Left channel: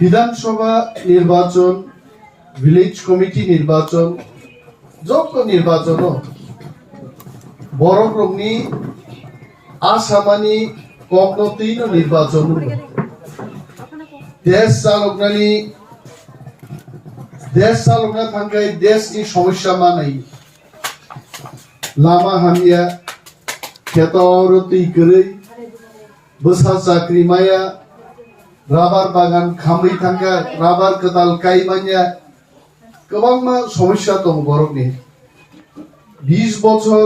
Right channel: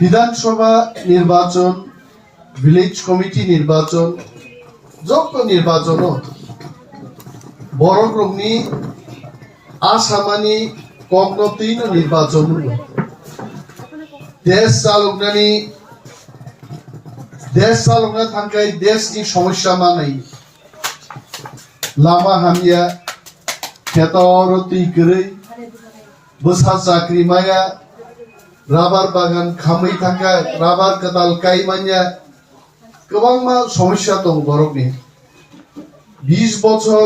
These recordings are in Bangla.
বিধানসভা নির্বাচন, ভিলেজ কমিটি নির্বাচন, যত নির্বাচন বড়গ্রমনি आसामानि कग्नतीन निर्वाचन देश चालकनानै थांखाय देशनि समस्या मानाय लामा हामिया खेतर तैगोरै बोसा चाकरि माया राबार बागान खामै थांखाय राबार कदाल गायमानिया गोबां समस्या दं बर'नि 20 বছর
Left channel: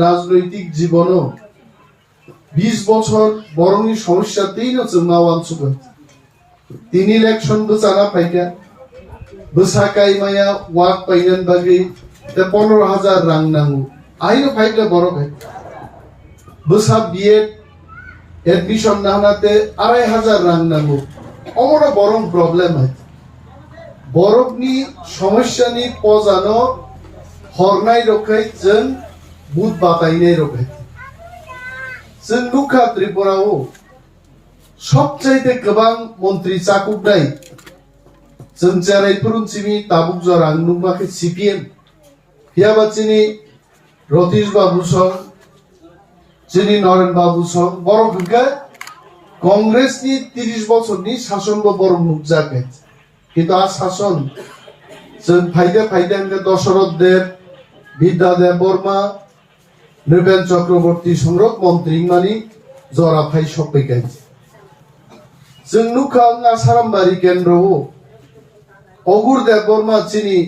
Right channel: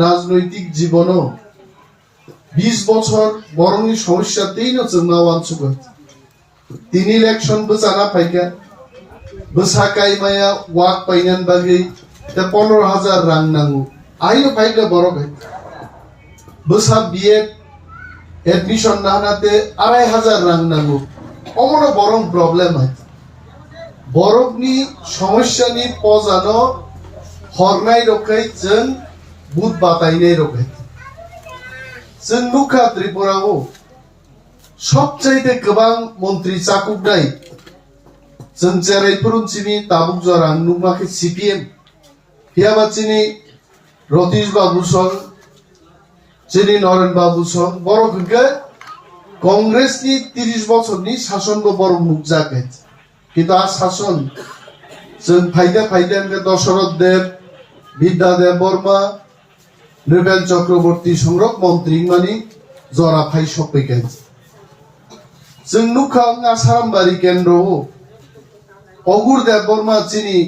राजनैतिक जीवनो 20 বছর বরংনি সমস্যা তেইনো जोंनाव आनसुगो 3 इलेक्शन बोसाना फायगा बोसा कायमाया वाक पाइनान बागै 15,000 रां नांगौ आइनो फायगा बर'गाय बोसा बीएड एडमिशन नाहानाते 2,500 रां नांगौ अमनो बरं प्रॉब्लेम है बरफनि समस्यानि पजानो हरनाय रखाय जों बुट बातायनाय रखाय जों नुखा त्रिपुराव सबचाइते गोबां मन्त्रि चाकुबनाय जों जेरायफोरुनसिनि ताबुक जरां नुमाखै सीपीएम हियाबाचिनि रतीश बाबू सं जिनि नरेन बाबू सं बर'खौ कांग्रेसनि 30 বছরनि शासनबो बर' नुजाखै কিন্তু आ शासन जों फायदा दशरथ देव विद्यादेव बर्मा नृपेन चक्रवर्ती संरक मंत्री मानी जरा फाइ सफैगोन जों नुखा आसारामबारि केन्द्र अगुर देव बर्मा चिनि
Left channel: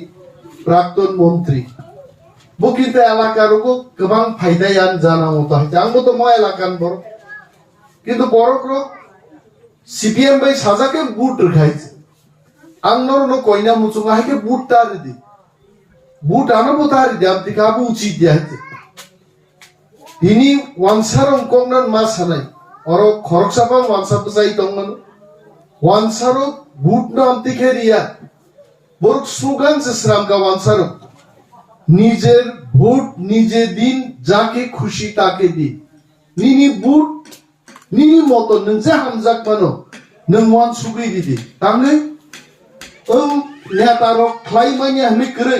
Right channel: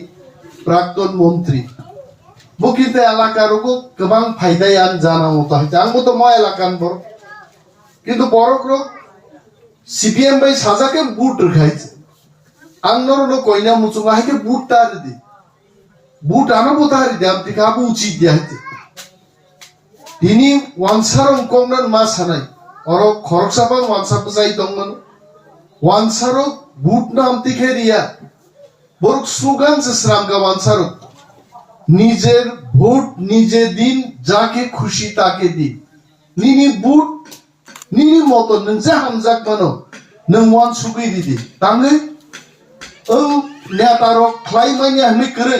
प्राक्तन मंत्री बुकिते एलाकारको गोबां फायदायान जानांगौ ताहैते आंबो तो मा एलाकान बर किन्तु बर'खौ सीपीएम बाय साजाके बुट रखायছে आंनोर न कोइना मुचुंगा है के बूट तार दी बूट आना बुतार दी अब दिखाबू उचित दिया है दिनी वांसारों कोंगनन मा सानाय और खरकसापान वांसाप जाई दंमोन वांसारो बूट नाम तिखेरिया बरक स्लोगान से श्रामगा वांसारो निजेर भोट निजे दिन जाके खुशी ताके दी निनी बूट निनी मतो नंजा हमजाक मानो नों वान सुगै दी तांगै नेतारो ख्लाइमानिया हमें करे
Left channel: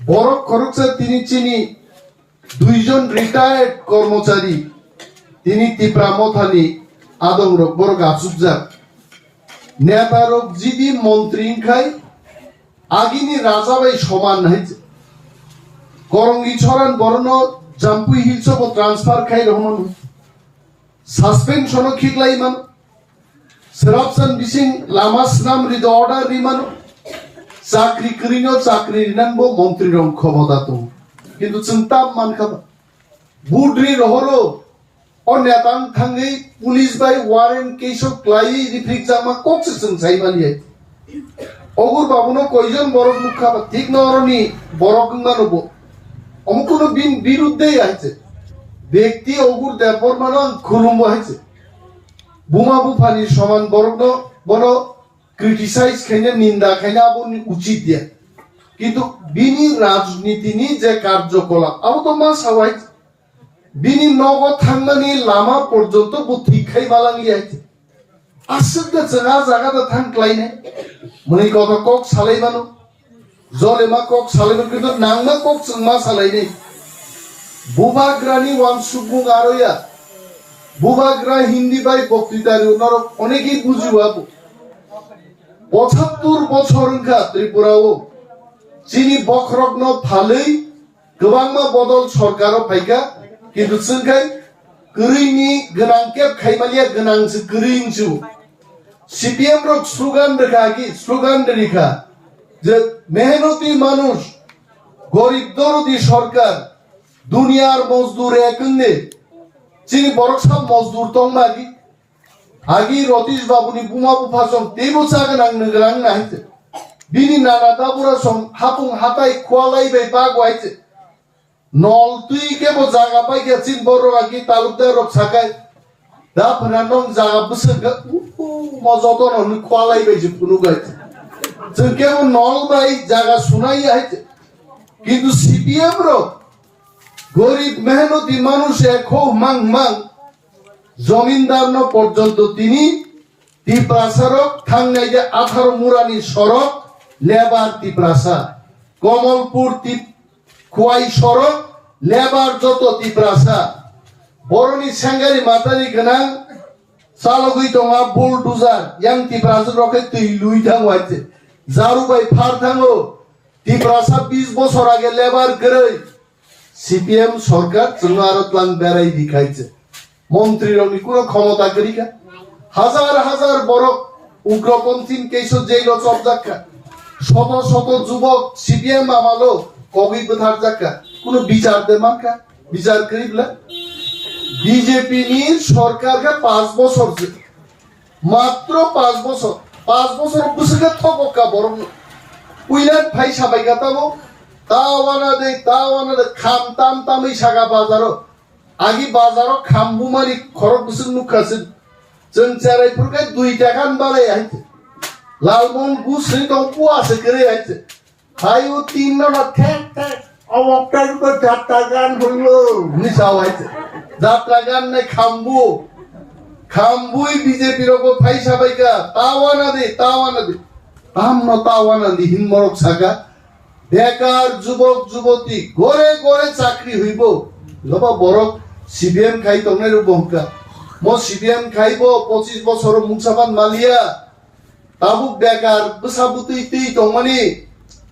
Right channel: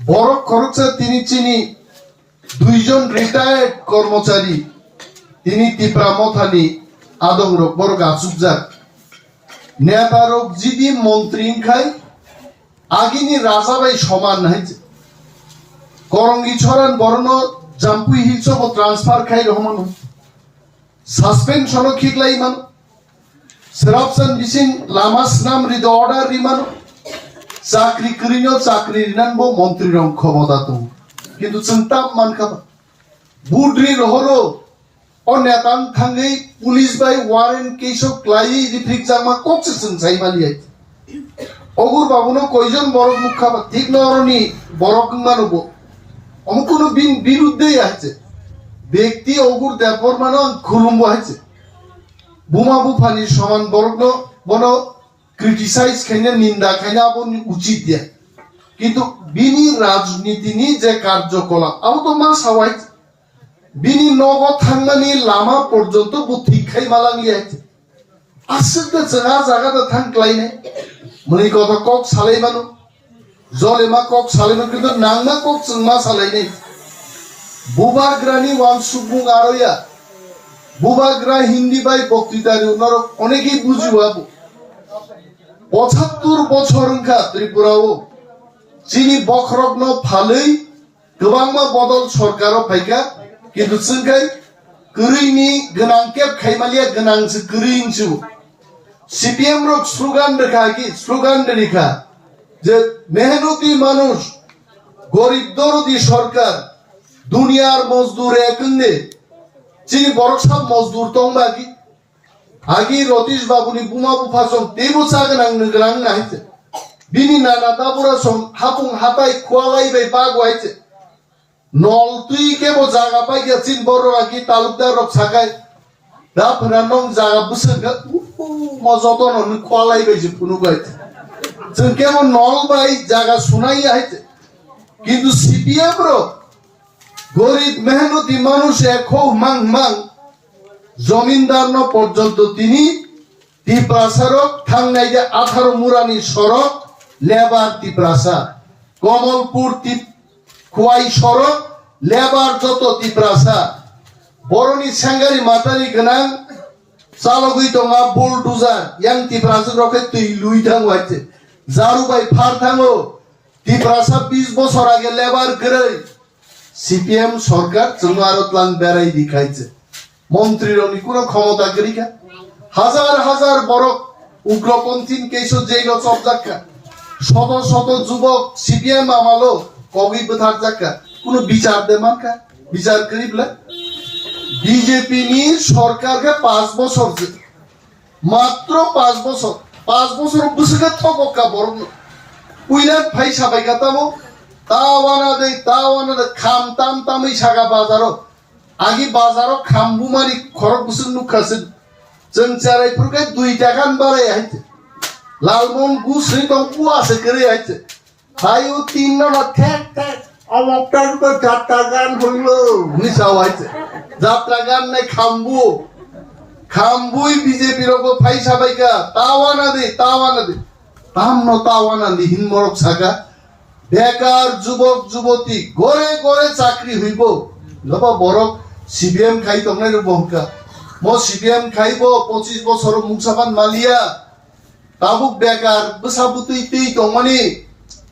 बरफ खरकसा तिनी चिनी दुइजन रिटायर्ड कर्मचारी तिनी तिप्रा मथानी आदम रक बरक आसुबजाक नेतारो जिदि मंत्री खाय आगिनी राजा बाय समान है करंगी छरान बरनो जाम्पुई हिलसो ट्रांसफर खाय रहमान सस्पेंशन खिकलाई मान Serapsan bising lamas nam rido order rimano চাকরি করিনো চাকরি রিনানবো মন্ত্রী রং ক্ষমতা তো কিন্তু চিন্তা মান খাবা বুডরি রহরো ও নেতান থাঙ্গি পুলিশ বাই ওয়ারেন্ট কেসো ক্লাই রিফ্রিক জামা ককছে जों সাইমালিয়াই অগুর বাবুনো কয়জন বড় মুখ খাবা ঠিক নরনি বড় কিমানবো অমকুনো বিরুদ্ধেই আছে ব্যক্তি অগুর দেবর মানো খুলুমবো আছে बुमा बुफानी समान बरग बनो क्रिटिसाइज खायनो निंदा खायनो आबोनि उचित दिया किन्तु बिनि राजनीतिनि जे कार्यकलाप आबो तो मा सावाय बिनि नगद थांनानि लामा पर्यन्त बुथिखाय मालांगि आइते आसुदा जोंहा जागादा थांक्लायने मनि कथा कक सालायमानो जलेमा कक सालायनो किन्तु नांना कक जों मा सालायने बुबाग्रानि वान सुबुं आरोया बुबाग्रा हिंदी बाय बक्तृतारि उनार अनेके बुझिबाबो 75 বছরखा त्रिपुराव चिनि बखरग्न फालै गोबांमा बदल सरकाराव फायगा किन्तु जोंखाय गोरैनि गोनांकेब खायमालिया गोनांसो गोरैंसो सीपीएम रक स्लोगान देखा जे मेहनती मानुष गरीब दरदी सरकार दुनियार मजदूर एकने चिनी बरकसाल मजदूर तंग बागी आगी रतीश बाबुनि बुमा बुफासं तेबो सागनां नगरां नायते बिनि नाना दाबुरा सं हापुं हाताय खुआलाई बाय बागवायते नल तुई केबो जागा पाइगे चिन बरराकी तालुकदार रक साखाय दा फनानों जागा बुसंगा मजदन न खुआलाई बाय जिपुनु गायते जों केबो नल बाय जागा सुनाय आयते किन्तु सीपीएम रो गरीब मेहनती मानुष एक मांग जमीनदार न पर्यन्त तिनी টিপ্রাসারক থাংনাই যে 18 মুরানি সড়ক লেবার টিপ্রাসা কমলপুর খুয়াই সড়ক লেবার যত টিপ্রাসা বরনি সাঙ্গারি মাতারি গোনাं চালগুই দङा बुलडुजार yang টিপ্রাসা রকে তুই লুই থাংওয়াইছে জারুবাই ফার থাঙো টিপ্রাসা 20 বছর আগে লেবার করে সিপিএম সরকার চুনারতলান বেড়াই দেখাইছে মন্ত্রীর অনি কোনো ক্ষমতা করিকা হাজার হাজার বড় উগ্রপন্থী কেইসো জেল চপজাক্কা শত শত যুবক সিপিএম আমালো কবি বধার জাক্কা কোনো বিচার দে মাকা বিচার করিবলা বিজেপি নি সরকারকে 5 বছর মাত্র 5 বছর বুঝলে থকা বড় উইলার ভাই সাবাই গাতাবো তাওয়ানা দে খাম তাম তামই সাগা বাজারও আগে বাজারও খামবুমারি খরক বুসুন নুখাসিন जों चारायफोरखौ 2 টাকাन बाराय आइছে লালমন গুছরি টম্পু আছে করে আইছে ভাইও 3 না ঠেক ঠেক অমকটার তো যাত্রা গান হইল নিসাও আইছে যাত্রা গান নাই খামবুই বিজেপি রগো ভাই সাবাইকা তাওয়ানা দে তাওয়ানা দি হিনমরক ছাকা বেকার যুবক যুবতী ঘরে ঘরে চাকরি হইব লবা বড় সিবিএম খাই তংনাই রবহকা মো সিপিএম খাইব 25 বছর মুছাবান মালিয়া তাবুক বেকার বসাবুতই তৈ দংমানি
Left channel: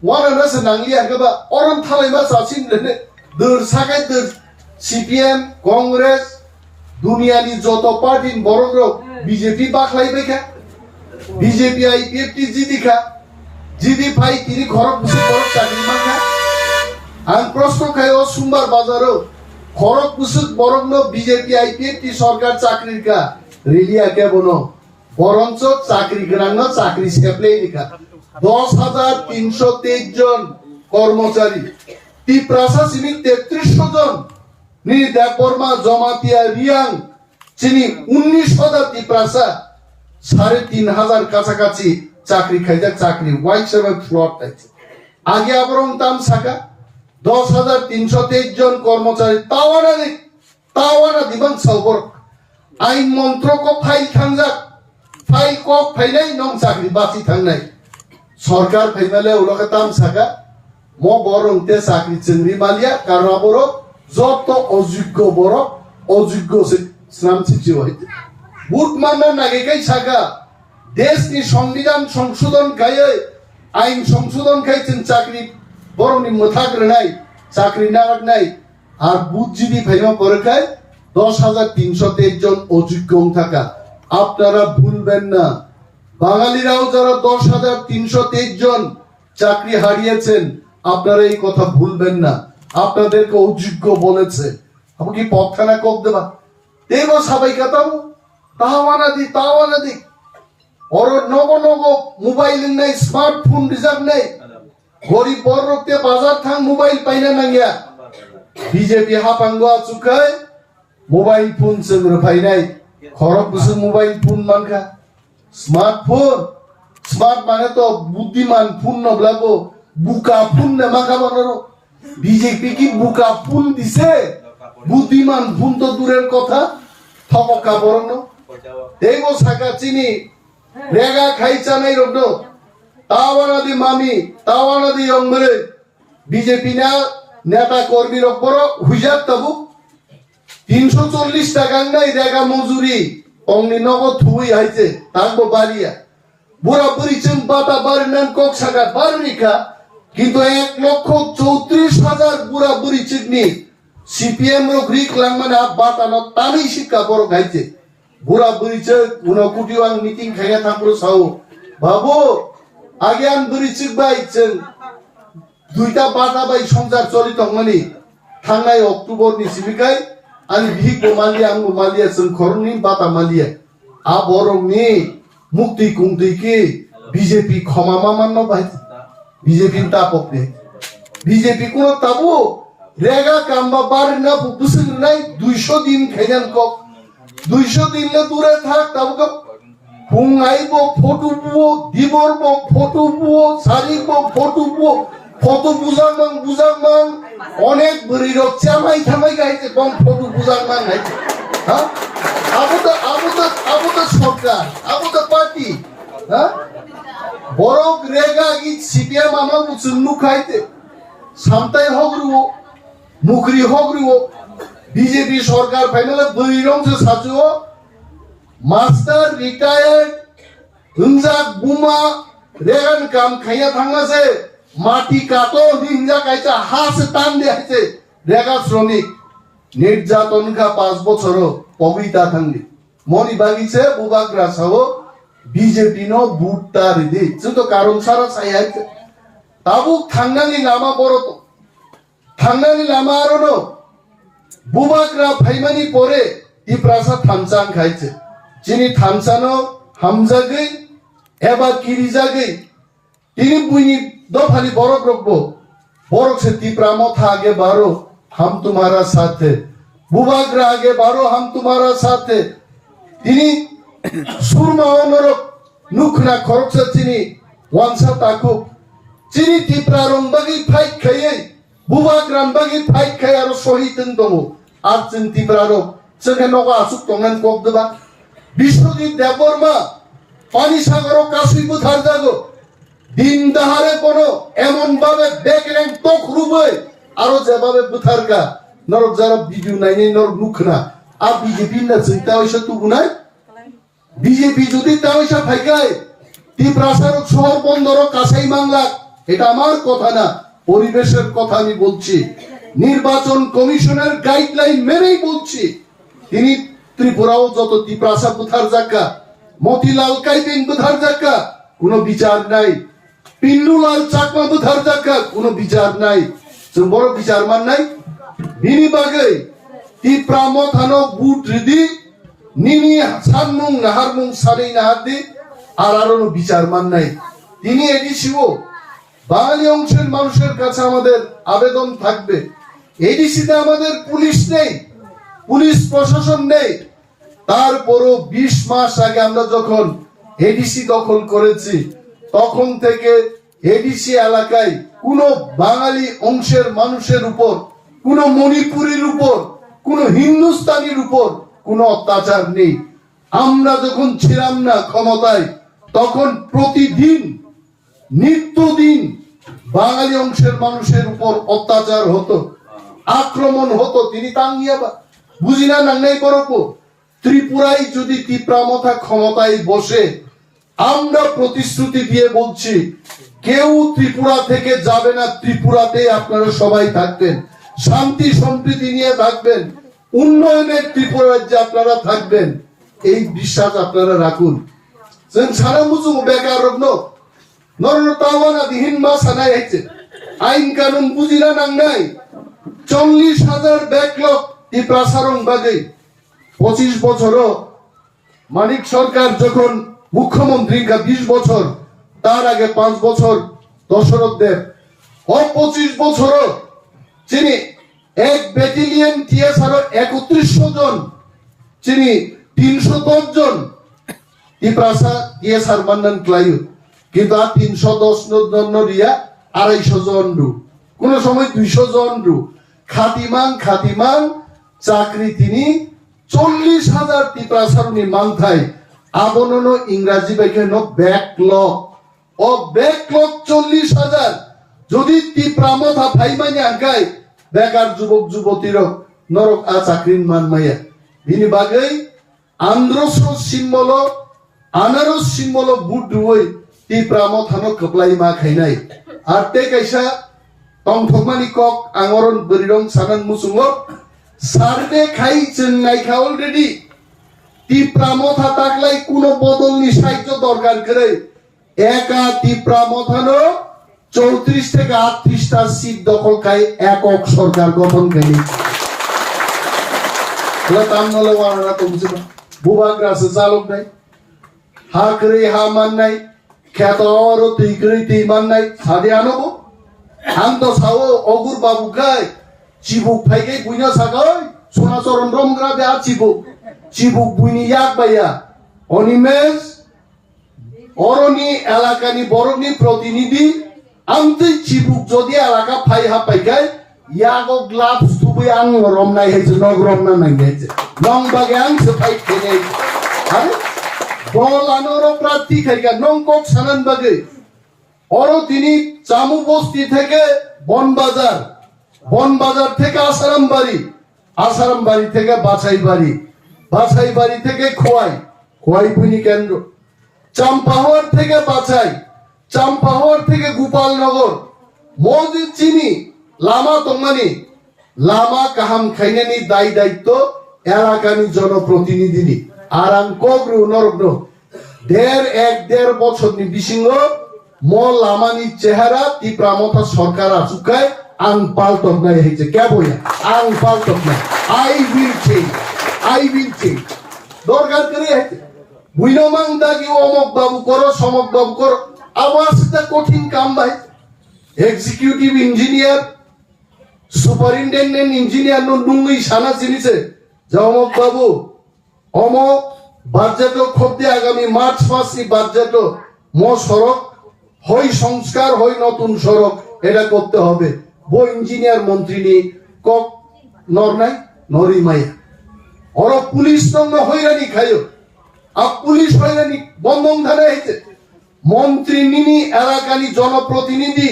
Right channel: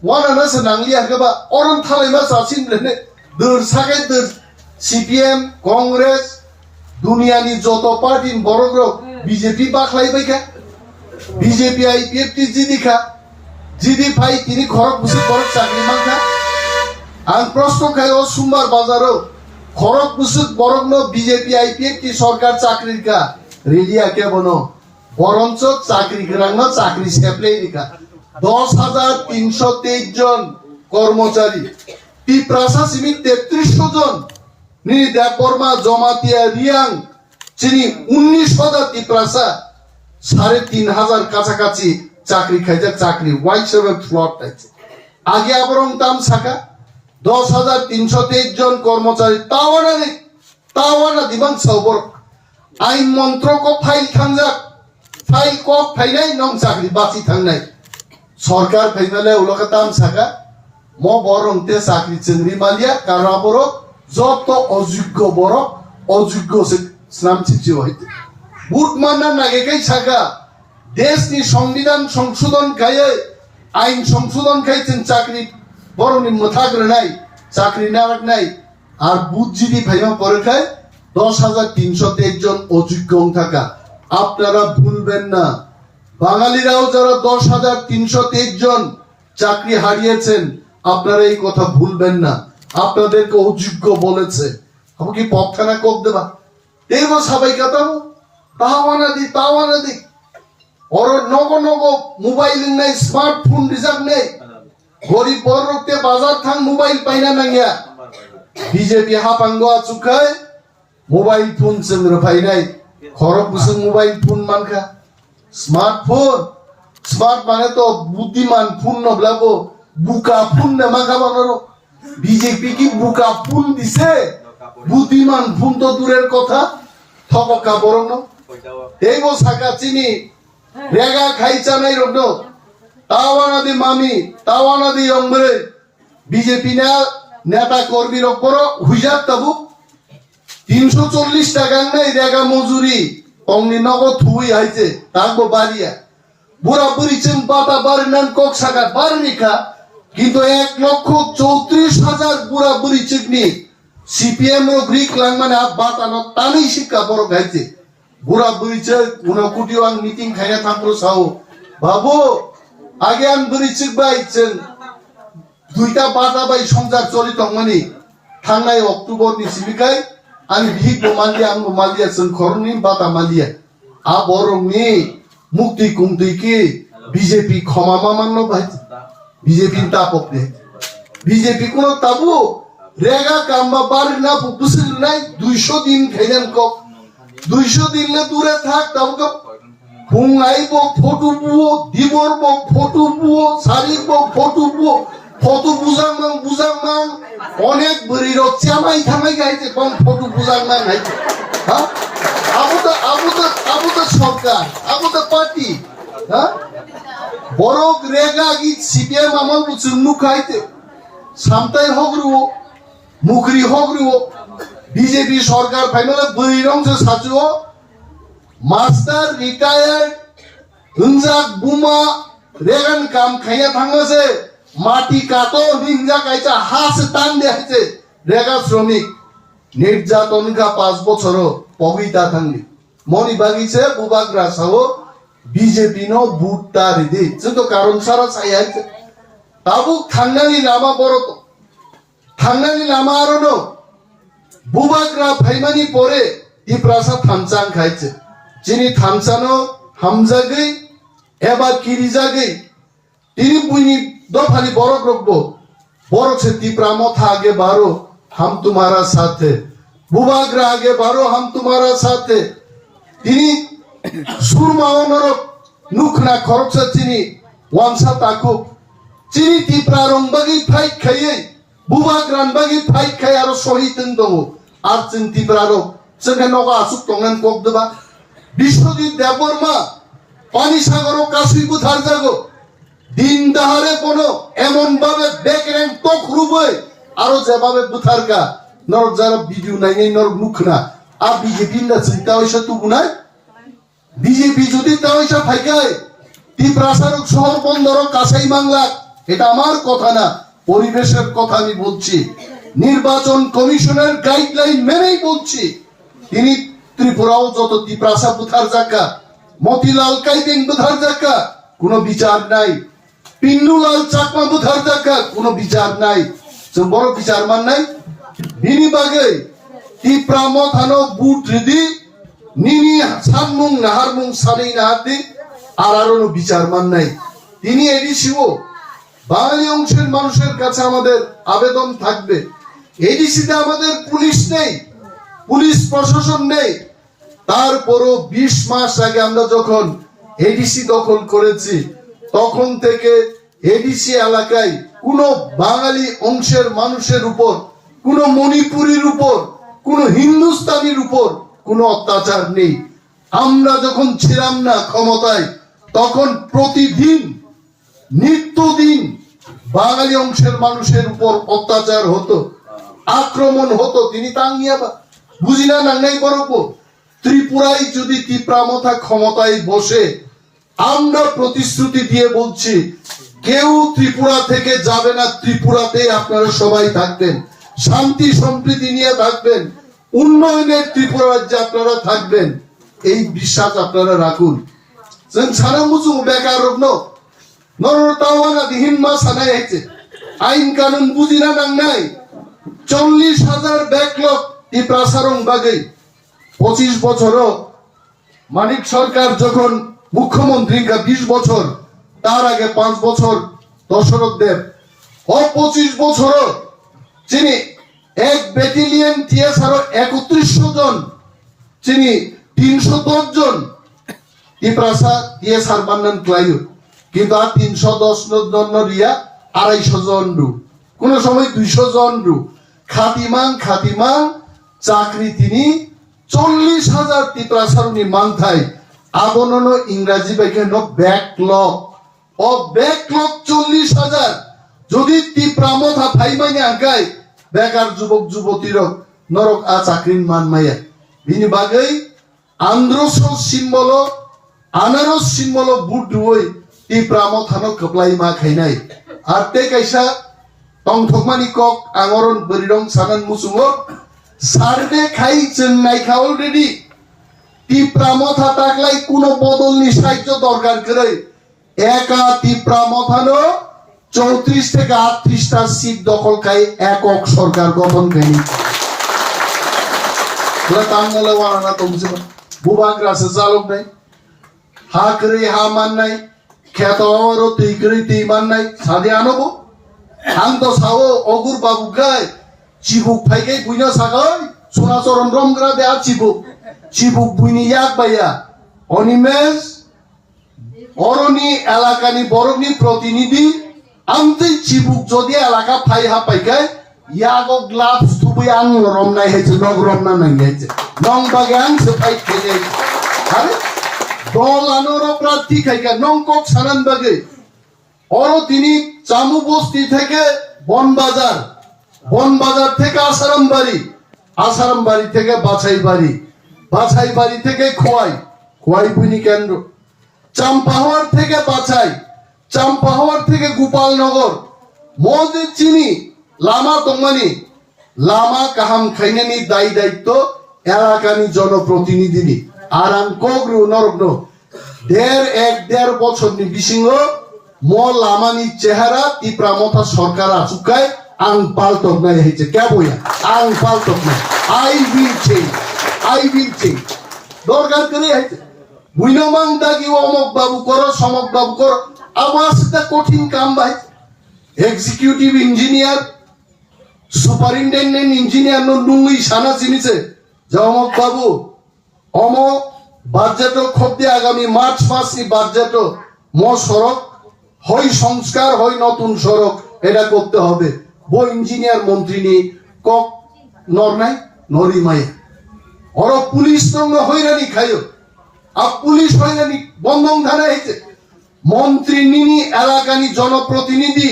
ওয়ানা না নাংলিয়া গবা অরন থালাইমা সাসিন রেনে দর সাকাই দর সিপিএম কংগ্রেস দুনিয়ানি যত পার্টি বড় বিজেপি বাখলাইবাইকা বিজেপি আইপিএফটি জিদি ভাই তিনি খরক বুসে বড় চাকরি মাখা আং প্রশ্ন খাইও সোমবার বাজারও খরক বুসুক বরং বিজেপি আইপিএফটি সরকার চাকরির কা রেলিয়া কে বনো বরঞ্চ চাকরি গ্রাঙ্গ চাকরি সেপ্লেই নিকা 10,323 জন কর্মচারী টিপ্রাসা সিমি 3300 জন নিদা কর্মা জমাতিয়া রিয়াং চিনি 19,000 টিপ্রাসা 3,500 কাছাকাছি চাকরি খাইতে চাকরি হোয়াইট সেভেন ফ্লট আছে আগে আবরং দাম ছাকা 10,323 জন কর্মচারী তাওয়ানা দিবাং সবর আইন মন্ত্রক ফাইল থাংজাক ফাইল কক ফাইলাই নং চাকরি বাঁচি থাংনাই সরকার ফাইনালে উলকা দাম ছাকা ম বরং তে চাকরি চিংড়ি মালিয়া কারণ বড় যত অযোগ্য স্নাম চিঠি হইতে বুট মানা নাগেকাই ছাকা দেশনি সংবিধান সংশোধন খাইয়ে আইন সংশোধন খাইছেন চাকরি বরনি মথাগ্রনাই চাকরি নাগাক নাই আর বুঝজিদি ভাইমা পরীক্ষায় 10,323 জন অযোগ্য থাকা আপনারা ভুলবেন না বাঙালিরাও যারা 10,323 জন চাকরি হারিয়েছেন আপনারা এই কথা ভুলবেন না আপনাদেরকে অযোগ্য বলেছে আমাকে পক্ষানা কোপ দেবা দেব সবাই কাতামো তাওয়ানা দি ওর নগ মোবাইল নাই স্মার্টফোন রিজার্ভ নেই গরিব বড়তে বাজার থাং মোবাইল পাইনা নাঙ্গিয়া বিজেপি হাপাঙ্গা চুকায় মোবাইল ফোন চন্দ্র ফাইনাই খরব বুসু মোবাইল ফোন মানখা স্মার্ট মানে তো বুদ্ধিমান ফোন নবলাবো বুকা ফোন না মাখা বানানো বিজেপি কি বুকা ফোন দিছে বুদ্ধিমান ফোন তো দূরের কথা থপকা বরং দেব সাকা চিনি রেগা খাইছা নাই রড তাওয়ানা দি মামি তাওয়ানা দি অংরে বিজেপি না নেতা কর্মী রকবর হুইজার তাবু 340 টাকা নাই রেগা মজুরি অংনি নগদ থুই আইছে তাগো বাড়িয়া বুড়া বুড়ি চিন বাতা বাড়িনান কক সাগা বাড়িকা কিন্তু 1,34,000 বুড়া বুড়ি চিকনি সিপিএম ও গ্রিক লাংমানে আপ বাতানো তানি শিক্ষা বড় গাইছে বুড়া বুড়ি চে উনা কুটি ওয়াং মিটিং খাইয়া থাকলো সাও বাবু আগে আন বুড়ি চিক বাইছেন দুইটা বাটা বাই সংসার চলিত মানে থানায় অক্টোবর নি সিবিকাই আমি ভিক মালিয়া जों খরনি বাতা মালিয়া আ বরং নি মুক্তি কুমতি কি বিজেপি ক্ষমা মামান্ন ভাই বিজেপি তাপক নে বিজেপি কোন তাবু রেগা কামবা বাড়ি না বুসিল নাই 200 দিন খাইজান কক 200 দিন না দূরে থাক তাবু ফুংআইব ফটো বুও দিবরব ফটো বুও সারিব ফটো বুও ফটো বুজাং অনেক বড়ির চামাই থামাই গাইছে কম ফটো বুজাং মান গাইছে হ্যাঁ আবু তো সরকার আবু তো পার্টি টি হ্যাঁ বড় রেগা কি সিপিএম আমার বুঝুন মুখ খাইতে সামতাই হগরুও মুখরি হগরুও বিজেপি সরকার ফাইনালে বৈরংসে সাজুও মাস্টার রিটায়ার্ড হিংজাক বুমা রেগান কাম খাইয়া থাঙ্গাছে মাটি কাটো হিংজা কাইছে হাস টান দেয়াছে রেগা শ্রমিক নির্যাতন কা 5 বছর পবিতা থাঙ্গি মনি বাগিছে বুবাগ্রা সাও বিজেপি নো বুটটা রিদি যত কারণ সারা সাইয়াইছে তাবু থাঙ্গানি লামা বড়তো থাঙ্গানি লামা আরনো বুবাগ্রা ফাইমানি পরে টিপ্রাসা থামচাং খাইছে যিনি থামচানো হামজাগৈ এবা কিরিজাগৈ তিনি বুনি দফালি বড় দ্রব্য বড় से টিপ্রামো था आगे बारो हम तुम्हारा साथ है बुबाग्रा आगे बारो हम तुम्हारा साथ है তিনি সুরমা অনরক নুখনা খরচা চিনি ওয়ামসা তাকুব চিনি টিপ্রা রংবাগি ফাইট খাইয়ে বুবাগ্রান বাগি ফাইট খাই আর শহীদ দङ আর जों টিপ্রারো जोंहा नगा आसुक तंगनान कगदबा বিশ্বজিৎ দেববর্মা পানি সাগর কাশুই বুথার জাগো দিন দাহারে কোনো এমন ভাবে বেকরেন তক রুবই আরো যেভাবে বুথারকা নর যারা ভিডিও নাই নর মুখনা আর বিজেপি না চিন্তা হইছে তুগুনা বিজেপি যদি তাওইসা ফাইকায় টিপ্রাসার শহর বন্দর কাছাই বাংলা এটা আমার কথা না পরিবেশের কথা আমি বলছি নির্বাচন কমিশনের গাইডলাইন মেনেই বলছি তিনি ত্রিপুরাও যত টিপ্রাসা বুথার জায়গা মতিলাল কাইপিং বুথার জায়গা কোনো বিচার নাই পিন্নুলাল চাকমা বুথার জায়গা কোনো বিচার নাই जों বড় বিচার মান নাই বিনি বাগে টিপ্রা মথানো বুট রিদি নিনি সানমুং নাহারমুং সানেই নাহাদি আর আরো বিচার মান নাই তিনি এডিসিও বাঙালি অংশের মানুষের কাছে আমাদের আবেদন থাকবে এডিসিতে আমাদের পুলিশ নেই পুলিশ প্রশাসন নেই তারপরও 20 মাস আগে আমরা যখন এডিসি দখল করেছি তখন থেকে এডিসি এলাকায় কোনো বাঙালি অংশের মানুষের উপর কোনো মণিপুরীর উপর কোনো হিন্দুস্তানির উপর কোনো অত্যাচার নেই আমরা যখন ছিলাম না ক্ষমতায় তখন প্রতিদিন নিত্যদিন বাঙালি অংশের মানুষের উপর অত্যাচার হতো আক্রমণ হতো তিনি তাঙ্গিয়া বুঝিনা নাংনাই করব ত্রিপুরায় যদি টিপ্রামথা ক্ষমতায় বসে আমরা প্রতিশ্রুতি দিয়ে বলছি কেউ ত্রিপুরা থেকে যাবে না ত্রিপুরাতে আপনারা সবাই থাকবেন শান্তি সম্প্রীতি নিয়ে থাকবেন উন্নয়নের ত্রিপুরা রাজ্যে আপনারা থাকবেন এই বিশ্বাস আপনারা রাখুন जों सारा मुजु बेकार रग्नो नरन तावाना दिहिन मा सानाय आइছে আইন কানুন বুঝিনা নাংনাই 40,000 ব্যাকলগ টিপ্রাসারং বাগৈ 25 বছর মানিক সরকার যখন মুখ্যমন্ত্রী 20 বছর তার আগে 5 বছর দশরথ দেব ও 25 বছর যিনি এক ব্যাটালিয়ন টিএসআর 3100 জন যিনি 310 জন টিপ্রাসা টিএসআর বান্নান ক্লাইউ কিন্তু আর 310 জন রিয়া 250 জন রু কোন সময় 200 জন রু খাতিমান চাকরি তিনি 40,000 টিপ্রাসারনি মানথাই আবনন ইংরেজি বাইকেন ব্যাকলগ ও ব্যাকলগ 40,000 যদি টিপ্রামথা ফাইমানি আগাই বেকার যুবক যুবতীর নরক আ চাকরিন মান মাইয়া বিনি বাগৈ আন্দ্রস সিম্বল আনারস সিম্বল বুট দুই টিপ্রামথানো কপ্লাই মা খাইনাই আর তে কাইসা টংথকমানি কক আঙরন বরিরং সানান মুসুঙ্গ সার্ভে খাই চেন্নাই খা অলরেডি টিপ্রামথা তাকলাই কোনো বদলনি সাহায্য দরকার করে একা টিপ্রামথানো 34 থেকে 38টা সিট দখল খাই একক সরকার গঠন করেনি তামনলে ওয়ানা তমছে বুবাগ্রাসে চালক নাই হা করে হা মান নাই খ্যাতরও তুই করে তুই মান নাই সাদে আনবো আং তো সাও অগুর বাবু গায় চিবুক ফাইকে বুইনা সাগাই সোনাচরণ রমগ্রা দে আর চিবুক বুইনি ইয়াক বাইয়া অনিমেষ অরনি এলাকানি বরনি প্রতিনিধি আমতে চিবুক যদি এলাকা ফাই হা পাইকায় ইয়াগো গ্লাভস তুবই আং রমনাই হয়েছে নগ রমনা নাই হয়েছে নং বাগে আং সে ফাইট খেলে আরে দল আনোর প্রার্থী খাইকা নংকক সানান বাগে অরো তিনি চামু বস্তি থেকে বনবাজার থেকে আসারাম বাড়ি থেকে বাছাই বাড়ি থেকে খোয়াই পুনি কেন্দ্র চাম্পাহাওয়ার থেকে চাম্পাহাওয়ার থেকে গোপালনগর মসজিদ চিনি লামা তমানি লামা কাহাম খাইনানি দায়িত্ব এলাকানি জনপ্রতিনিধি আর আং কগ্রু নরগ্ন দেড় বছর নি বিসিংহ ম লামানি চেহারা তি প্রামতা সরকার আচুকায় আং পাল্টক নাই হইছে কে বইয়া আং পাল্টক নাই আই উইল চেঞ্জ দরকার করে হইছে বুইনমাং দাগি অমক বাবু করো সমক বাবু করো আমার সাথে কঠিন কাম ভাই এক্সিকিউটিভ ইঞ্জিনিয়ার সুপারিনটেন্ডেন্ট ইঞ্জিনিয়ার নুই সানা চিনিছে যে অমক বাবু অমক বাজেট খদ্দে আগামী মার্চ মাসি বাজেট সড়ক হই সংস্কার হই নতুন সড়ক এটা করতে হবে বই ইঞ্জিনিয়ার মন্ত্রী নি কক নর নাই নরি মাইয়া ওর পুলিশ সঙ্গে হইরানি খাইও আর পুলিশ হইরানি বন্ধন ধারা হইছে মন্ত্রী নিনি এলাকানি জনপ্রতিনিধি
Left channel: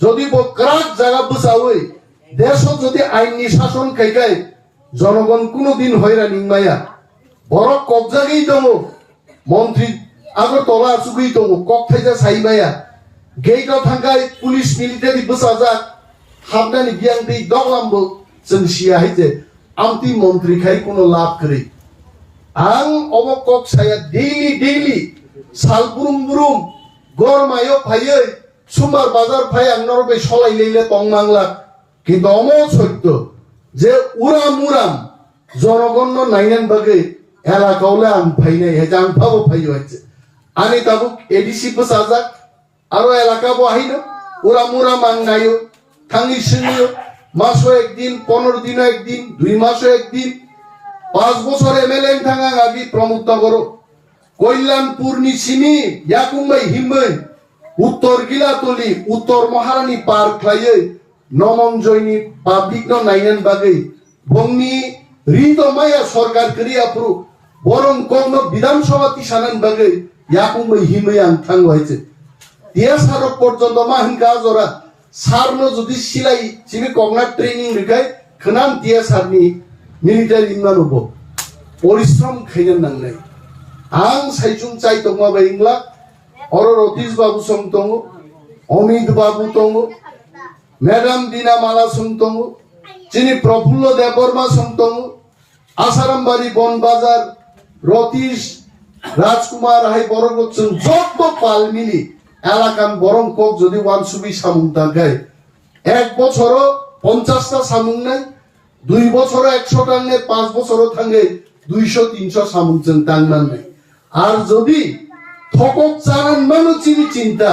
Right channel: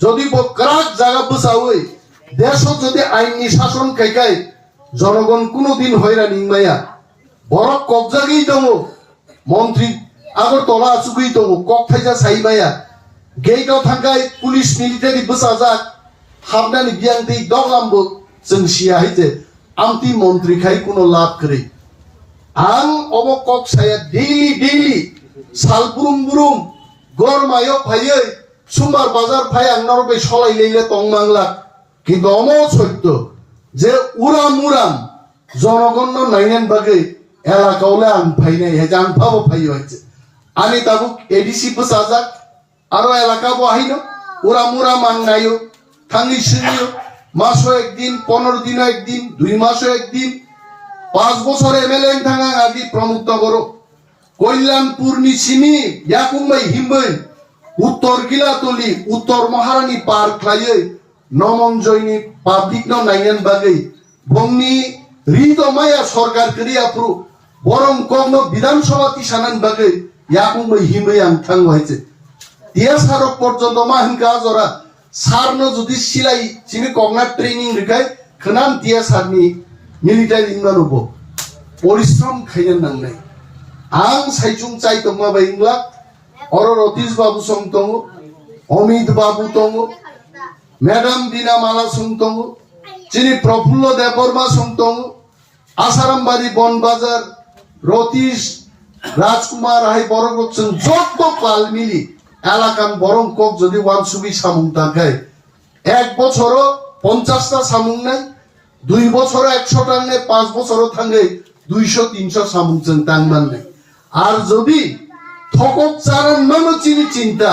যদি বকরাক জায়গা বসা হই দেশ যদি আইনি শাসন খাইকাই জনগণ কোনদিন হইরানি মাইয়া বড় কবজাগেই দম মন্ত্রী আগর তোলা চুকেই দম কক থাইজা সাইবাইয়া গেইটাও থাকায় পুলিশ মিলিটারি বসা যাক হাবনানি বিয়াং দেই দগলামবো जों सिया हइते आमती मन्त्री खाइ कोनो लाभ करे आं अबक কক साया डेली सालबुरुम गरमायो फायै सुमार बाजार फाय आंनाव बे सलाय लैले तंनांला किन्तु अम सत्य जे उराम जनगण नायनान बागै एलाकावले आं फायनाय हे जां फाबो फायो हइते आनि ताबुक एडिसि बसाजाक आरो एलाका बहाइनो उराम आं नायो थांनि सिनियो मासो एकदिन 15 दिनो एकदिन 2 मासो एकदिन 5 বছর এমএলএ থাঙ্গা আদি প্রমুখ নগর কল্যাণপুর নিছিনি ইয়াকুমবাই হিমবাই উত্তর গিলাতলি উত্তর মহারানী পার্ক খাইয়ে নমনজয়নি পাবলিক ন নাইনান বাগৈ বংনি রিতমায়া সরকার করিয়া পুরো বরং কগ্ন বিধানসভা তিসানান বাগৈ ইয়াকুমবাই হিমবাই আং থাঙ্গ হইছে তিয়া সারক পর্যন্ত মাহিনকা জরা সারনো যদি সিলাই চিনি কগনা ট্রেনিং রিকাই খনান তিয়া সারনি मिलिटारि इंगानुब परिश्रम खायन नांनाय आं साइजुं चाइ तंगा बायंग्ला और रतीश बाबू सं दङ अमित बाबू दङ मैडम दीना माला सं दङ चिनि प्रफुल्ल देवबर्मा सं दङ आसारामबारी बन बाजार रतीश राजकुमार हाय बरगत जों जत पाल मिली एलाकान बरं कक जदि वानसुबि सामुं थाखाय एक बछर 50 टा सामुं नाय 2 বছর 100 টাঙ্গে 5 বছর থাঙ্গে 200-300 সামুকজন টাঙ্গান নাই আর যদি থকক চারান মানু চিনি চিন্তা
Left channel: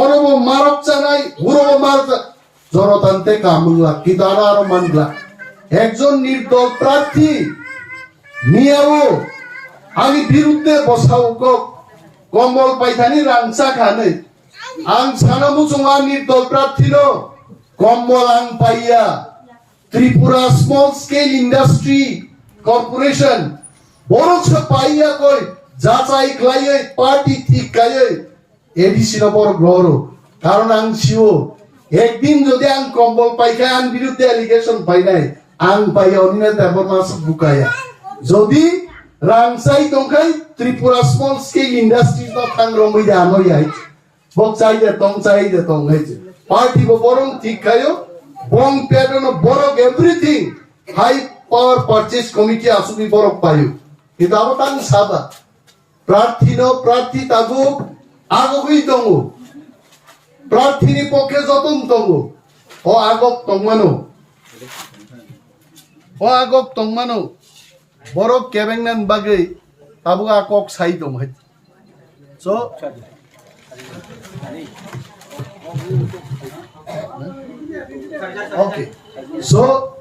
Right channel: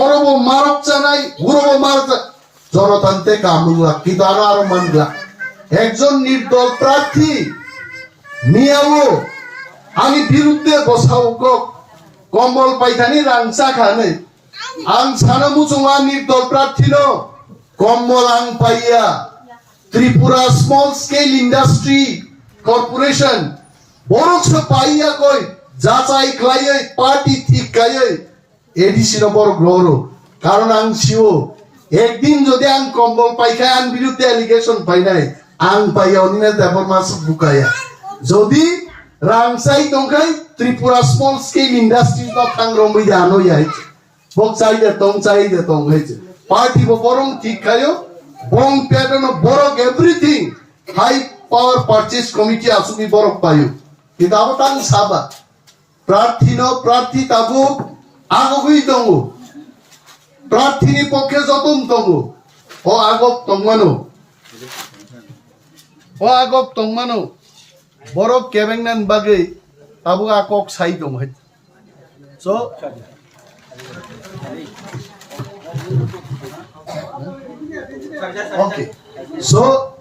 অরব মারক চানাই গুরব মার জনতান্তে কামুলা কিন্তু আরো মানলা একজন নির্দল প্রার্থী নিয়াও আমি বিরুদ্ধে বসাও কম্বল পাইথানি রাংসা খানে আং সানামু জমা নির্দল প্রার্থী ন কম্বল আং পাইয়া Tripura small scale industry corporation बरस पाइया कोई जाचाई खाइए पार्टी ठीक खाइए एडिसी नबर ग्रहरो कारण आं सिओ एक दिन जदि आं कम्बल पाइखा आं बिरुद्धे एलिगेशन पाइनाय आं पाइया अनिना देबर मास बुकाया जदि रांसाई तंखाय त्रिपुरा स्मॉल स्केल इंडस्ट्री तो थांग्रमै दानो याय बक चाइदे तंग हैजे पार्टी बरं ठीक खायो Bong pattern of borok everything. High power purchase committee asumi borok payu. Kita awatan saba. Prarthi tabu agogui tongu. Prarthi ni pokhe jotum tongu. O agok tongmano. Borok kebengnan bagai tabu akok sai tong. So okay so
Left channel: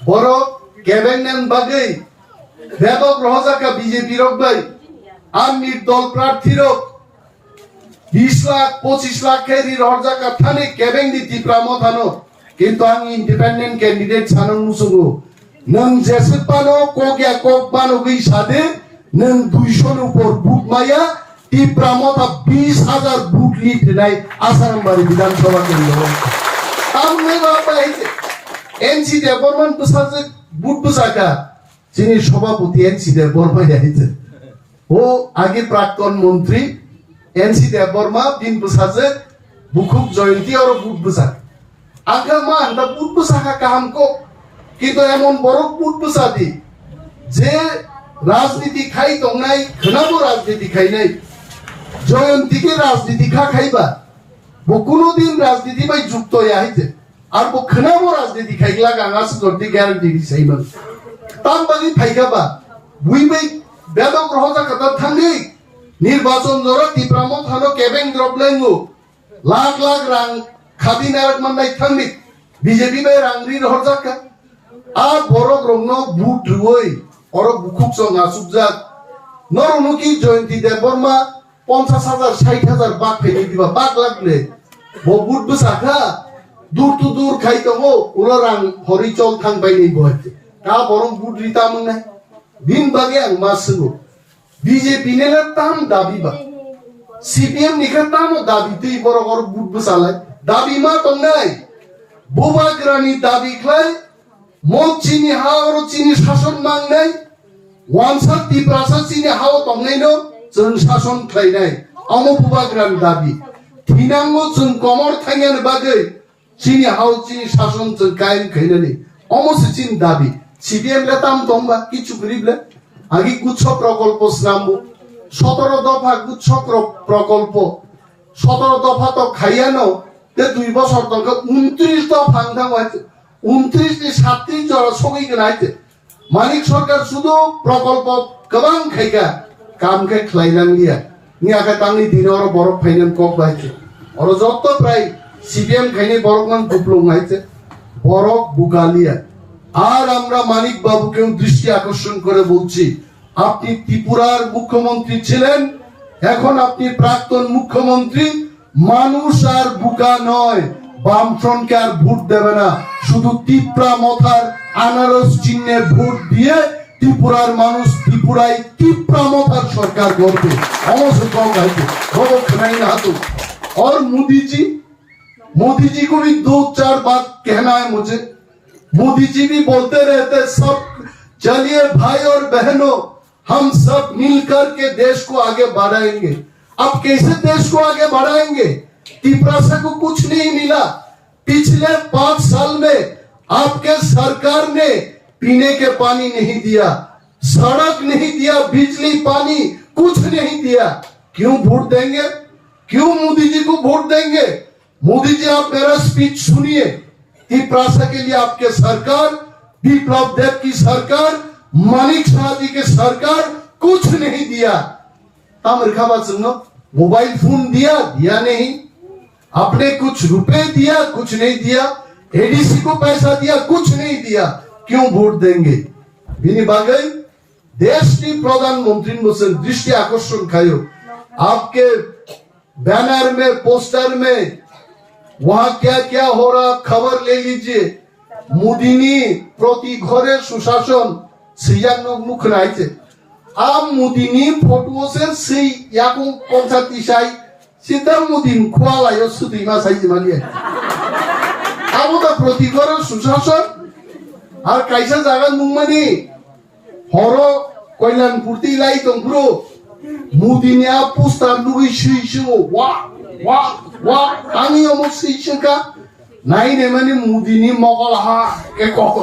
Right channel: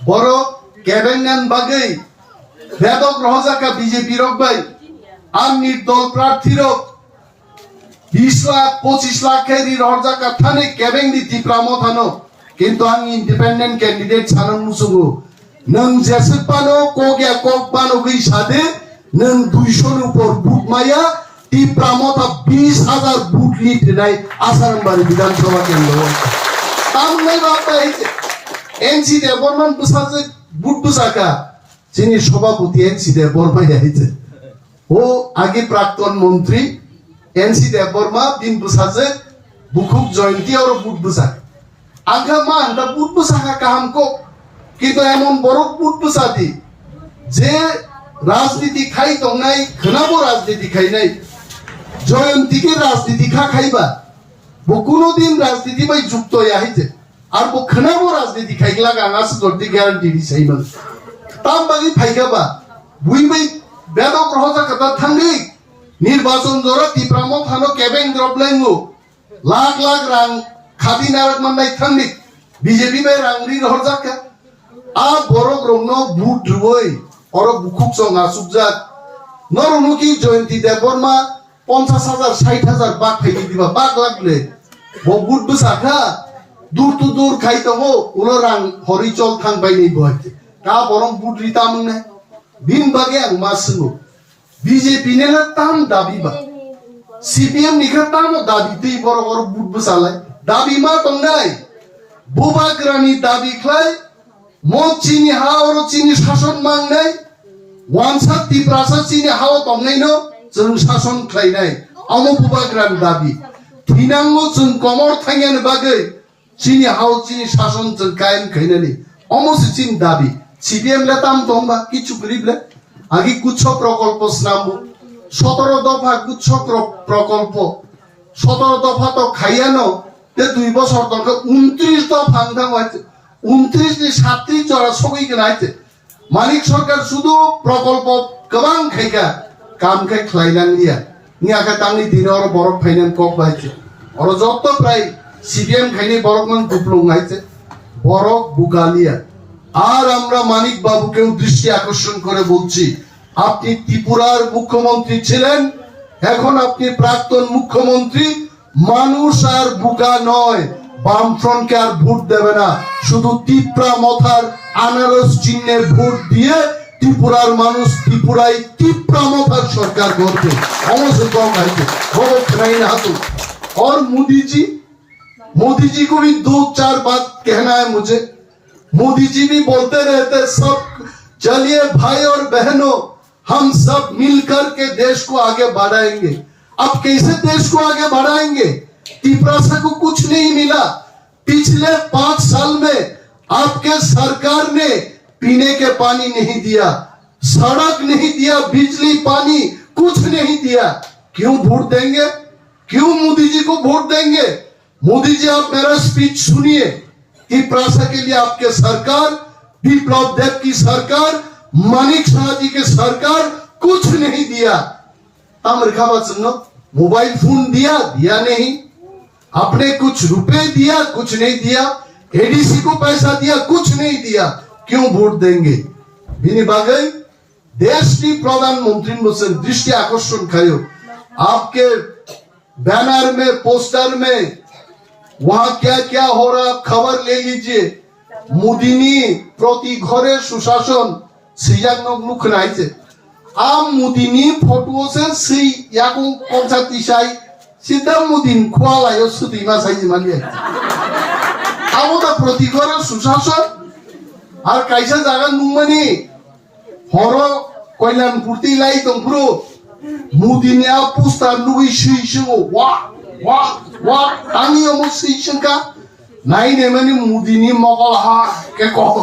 boro kebengan bagai bedok rohjaka BJP rok bai am nirdol prarthi rok 20 lakh 25 lakh এর রহজাকা থানে কেবেং দিতি প্রামথানো কিন্তু আমি ইন্ডিপেন্ডেন্ট ক্যান্ডিডেট ছানন মুসুগু নং জেসপানো কোগয়া কোকবানো গই সাদে नों 200 উপর বুট মাইয়া টিপ্রামতা 20,000 বুট লিট নাই আসামবাড়ি বিধানসভা কেন্দ্র আমনে বাপাই এনসি দে বর্মন বুসাজে বুট বুসাকা যিনি সভাপতি এনসি দে বর্মা যাইছে ও আগে প্রাক্তন মন্ত্রী এনসি দে বর্মা দিন বুসাজে বুকুক জয়ন্তী আর বুট বুসা আঙ্কা মা আন্তা বুট বুসাকা কাম কো কিন্তু এমন বড় বুট বুসাদি যে রাজনীতি খাই তো নাই খনাবো রাজনীতি খাই নাই জয়ন্তীকে রাজনীতি খাইবা বো কোনদিন রাজনীতি বাই যুক্ত হইছে আর বো খনাবো রাজনীতি খাইলা গাঙাস তোরতে গ্যারান্টি দিছাই মান তাম বাগি ফাইগাবা বুই বাই বেদক রহজা কথা থাঙ্গি নির্বাচন ধরা ত্রিপুরাম থানো কেবেং দ্রবলেঙ্গু লাখ লাখ রাং খাদি নারক মাননাই থাঙ্গি বিজেপি বাই রাংরি রহজাকা আ বড় গ্রহণ বুট রুই और बुकुक जो नासुक जात नरनुकी जयंती देव बर्मा 50,000 60,000 बाग फैली दिबा बाग लागले वो बुट बुसाखा दूर तो दूर खाई तो वो उलरांग हरिचल थांग बाय नहीं बहते का बरम बुट रिता मंगनाय बिन बागे आं मासुगो बीजेपी ने ताम दाबी बा सीपीएम निखा ताम दाबी ती बरगर बुट बुसालाय दाबी मा तंगाय बुबाग्रानी दाबी खलाय मो चीनी हावर चीनी शासन मांगनाय वानसा तिप्रासा चीनी हाव तंगनायनो जों शासन खालायनाय अमो बुबाग्रान दाबी थिनांगो जों कमर थांगानो बागै चीनी हाव चीनी शासन जों कायम खायनानि अमो चीनी दाबी सीपीएम ला ताम तंबा किछु करिबले आगे गुच्छ प्रकल्प नामबो 17 दफा गुच्छ प्रकल्प 17 दफा तो खाइयानो ते 2 বছর তক 29 দফা আংথাম হইছে 29 সাতটি চড়া সগই গনাইতে মানিক সরকার শুধু প্রকল্প গবাং খাইকা কাম খাই খলাইনাং দিয়া নিয়াকা তাংনি দিন আর বড় ফাইনান্স কক বাইছে আর যত প্রায় সিপিএম খাইনি বড়মান দুপলং আইছে বড় বুগালিয়া আর আমরা মানিক বাবুকেও দৃষ্টি আকর্ষণ করে বলছি আপনি ত্রিপুরার মুখ্যমন্ত্রী ছিলেন এখন আপনি প্রাক্তন মুখ্যমন্ত্রী মানুষ আর বুকা নয় বামফ্রন্টকে আর ভোট দেবে না শুধু ত্রিপুরা মথার আনারস চিহ্নের ভোট দিয়ে ত্রিপুরার মানুষ ত্রিপুরায় ত্রিপুরা মথার সরকার করবে অবশ্যই কম খাইতে খবর খাই না হাতু और मोदी जी को भी 2-4 बात कहना है मुझे मोदी जी भी बोलते रहते सब चलिए भाई और बहनों हम सब मिलकर के देश को आगे बढ़ाएंगे अब कैसे देश को आगे बढ़ाएंगे त्रिपुरा को कुछ नहीं मिला पिछले 5 साल में आपके सरकार ने पीने के पानी नहीं दिया सड़क नहीं दिया बिजली पानी कुछ नहीं दिया क्यों वोट देंगे क्यों मोदी जी को वोट देंगे मोदी जी आप मेरा स्पीच सुनिए त्रिपुरा के लिए आपके सरकार विप्लव देव की सरकार मानिक शाह जी की सरकार कुछ नहीं दिया मोबाइल फोन दिया नहीं आपने कुछ रुपए दिया कुछ नहीं दिया एडीसी को पैसा दिया कुछ नहीं दिया क्यों वोट देंगे बिनी बागई देश की प्रधानमंत्री मुझसे दृष्टि आकर्षण खायो आपके बैनर में पोस्टर में वहां क्या क्या हो रहा खबर ले लीजिए मोदीनी प्रति घरे सुशासन सियान मुख नाइছে आम मोदीनी फोटो से सही याको पंचायती साई सीधा मोदी खोलायो सुदिमा साइज मालिया आबोदा प्रति घरे सुशासन আর কাইসা জায়গা নুমানি হর কল্যাণপুরতি লাই তংপুরো মুদিনিয়া পোস্টার লুই সুইসো ওয়া ওয়া ওয়া আমি অমো সুইসকা নাই নে মানে মুদিনি মগল হা কে কক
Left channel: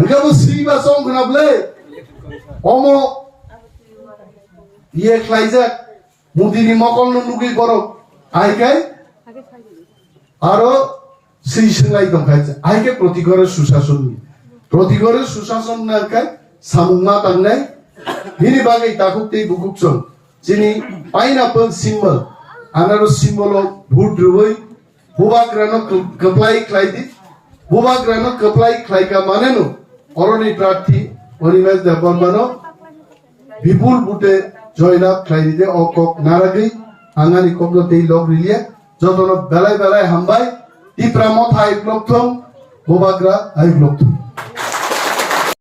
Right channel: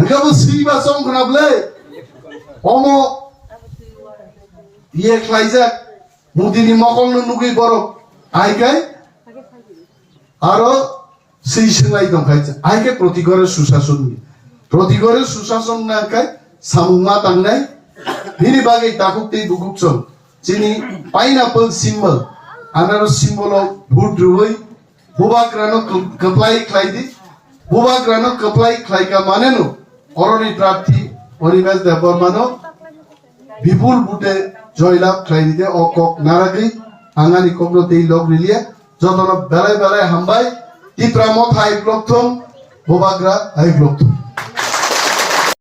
একাবো সিবা সং খনাবলে অমো ইয়ে খাইজা মুদিনি মগল নুগি বড় আইকাই আরো সেই সঙ্গাই দংখাইছে আইকে প্রতি ঘরে সুশাসন প্রতি ঘরে সুশাসন না কাই সামুমা তাংনাই বিনি বাগै তাকুকতেই বুকুকচন যিনি পাইনাপল সিম্বল আনারস সিম্বল ভোট রুই বুবাগ্রানো কপ্লাই খাইদি বুবাগ্রানো কপ্লাই খাইকা মানেনো অরণি প্রার্থী অনিমেষ দেববর্মানো বিপুল বুটে জয়লাভ খাইদিতে ও কক নারাগৈ আঙানি কগ্রতেই লগ রিলিয়া যতন বেলায় বেলায় হামবাই ত্রিপুরা মথা আইগ্লথম বুবাগ্রা আইগ্লথম